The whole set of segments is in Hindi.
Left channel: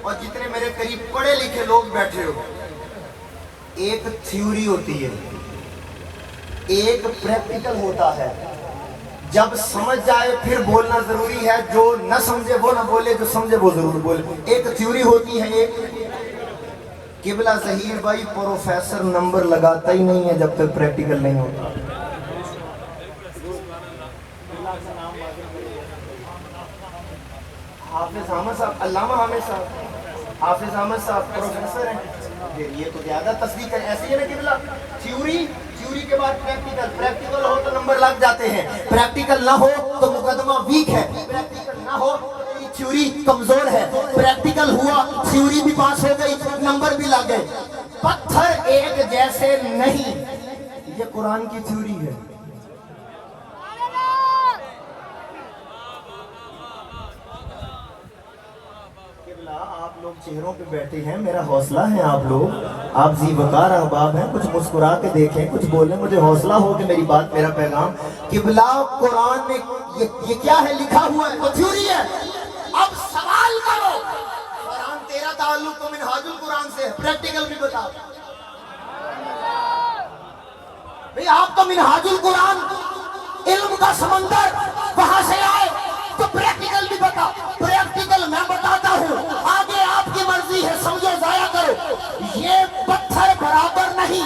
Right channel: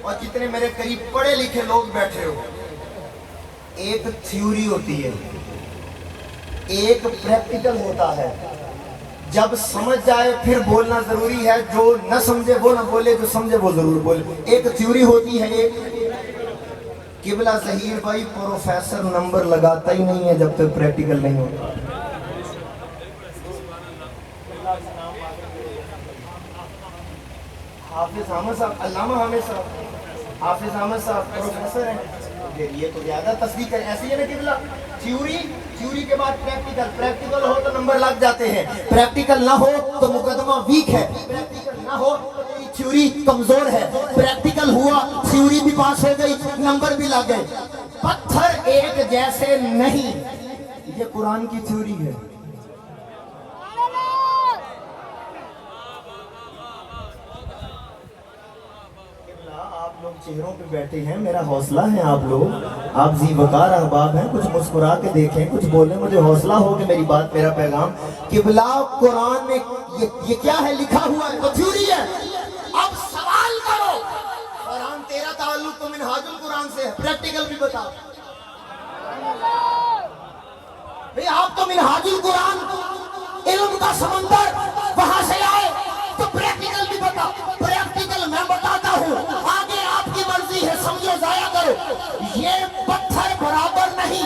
और जितने मेरे करीब पढ़े लिखे लोग बैठे हो, एक थ्योरी होती है, एक प्रैक्टिकल होता है। जब समझ जाए फिर बोलना जरूरी है, जो न समझे वो न बोले, जो समझे वो जरूर बोले। एक थ्योरी होती है, एक किबला जहीर भाई प्रोफेसर नंबर लगाता ही नहीं है जब तक प्रैक्टिकल नहीं होता। हाफिज अहमद साहब, अल्लामा हामिद साहब, हाफिज अहमद साहब प्रोफेसर हैं। ये तो ज्यादा तस्दीक है। ऐसी है ना किबला, थ्योरी के बाद प्रैक्टिकल हो तो नंबर लग जाते हैं, प्रैक्टिकल ना हो तो मुकदमा वीक है, प्रैक्टिकल ना हो तो थ्योरी कमजोर है। प्रैक्टिकल हुआ, थ्योरी भी पास हो गई, नंबर भी लग गए। पत्थर एक जैसे नहीं, ये कुरान की थ्योरी है। चेहरों पे बैठे हैं, मेरा हौसला है आप लोग, आप जी वकार अहबाब हैं, कुछ मुस्कुरा के देखें, कुछ बोले, मुझे हौसला हो कि मेरी बात, मेरा पैगाम। किबला कुरान में ये क्या है लिखा हुआ है, तो थ्योरी है। अब सवाल करो, कुरान तेरा ताल्लुक तो मिनहाजुल कुरान से है, प्रैक्टिकल भी बताओ भाई। आप तो मिनहाजुल कुरान इल्म का समंदर वहां से आए, तो प्रैक्टिकल भी बताओ। प्रैक्टिकल मैं बताता हूँ, आगे आपकी मर्जी है, समझो जाया करो। ये पत्थर बराबर नहीं,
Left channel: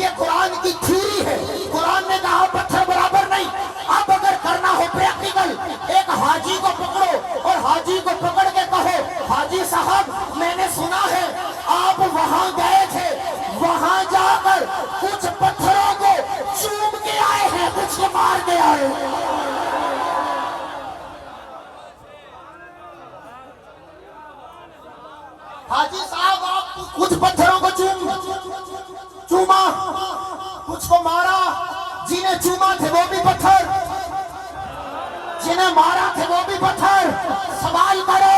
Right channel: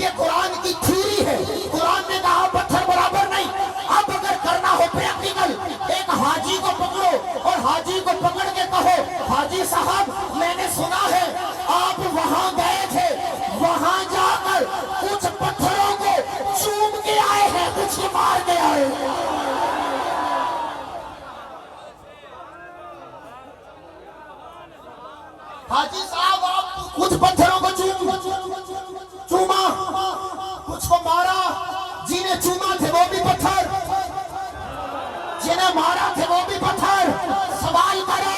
ये कुरान की थ्योरी है। कुरान ने कहा पत्थर बराबर नहीं। अब अगर करना हो प्रैक्टिकल, एक हाजी को पकड़ो और हाजी को पकड़ के कहो, हाजी साहब मैंने सुना है आप वहां गए थे, वहां जाकर कुछ पत्थरों को चूम के आए हैं, कुछ को मार के आए हैं। हाजी साहब आप कुछ पत्थरों को चूमा, कुछ को मारा, जिन्हें चूमा थे वो भी पत्थर, जिन्हें मारा थे वो भी पत्थर। सवाल करो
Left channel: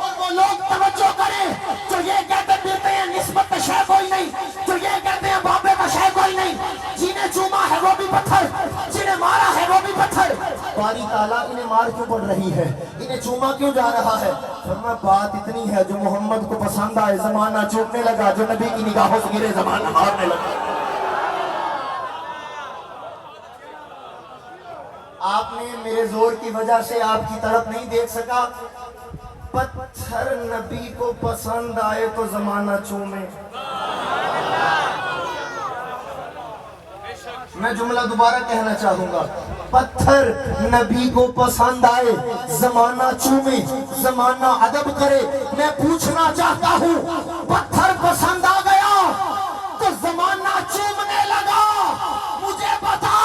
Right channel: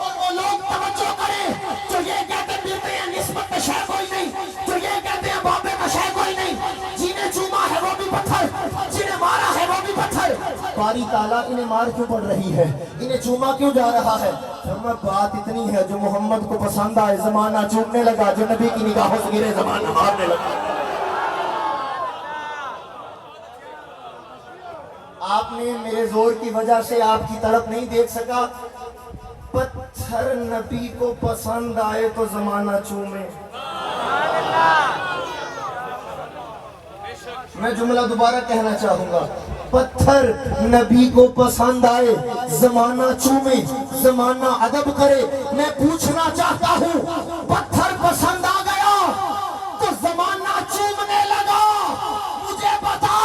और वो लोग तवज्जो करें जो ये कहते फिरते हैं निस्बत का शय कोई नहीं, जो ये कहते हैं बाबे का शय कोई नहीं। जिन्हें चूमा है वो भी पत्थर, जिन्हें मारा है वो भी पत्थर। बारी ताला इन्हें मार क्यों पड़ रही है, इन्हें चूमा क्यों जा रहा है? मैं बात इतनी है, जो मोहम्मद को पसंद आए जमाना चूमने लगा, जो नबी की निगाहों से गिरे जमाना मारने लगा। आपने मेरे जोर की वजह से आपकी तरफ नहीं देख सका। पत्थर नबी को पसंद आए तो जमाना चूमे। मैं जुमला दोबारा कहना चाहूंगा, पत्थर नबी को पसंद आए जमाना चूमे, जमाना अदब करे। मैं पूछना चाहता हूँ, पत्थर पसंद आ गए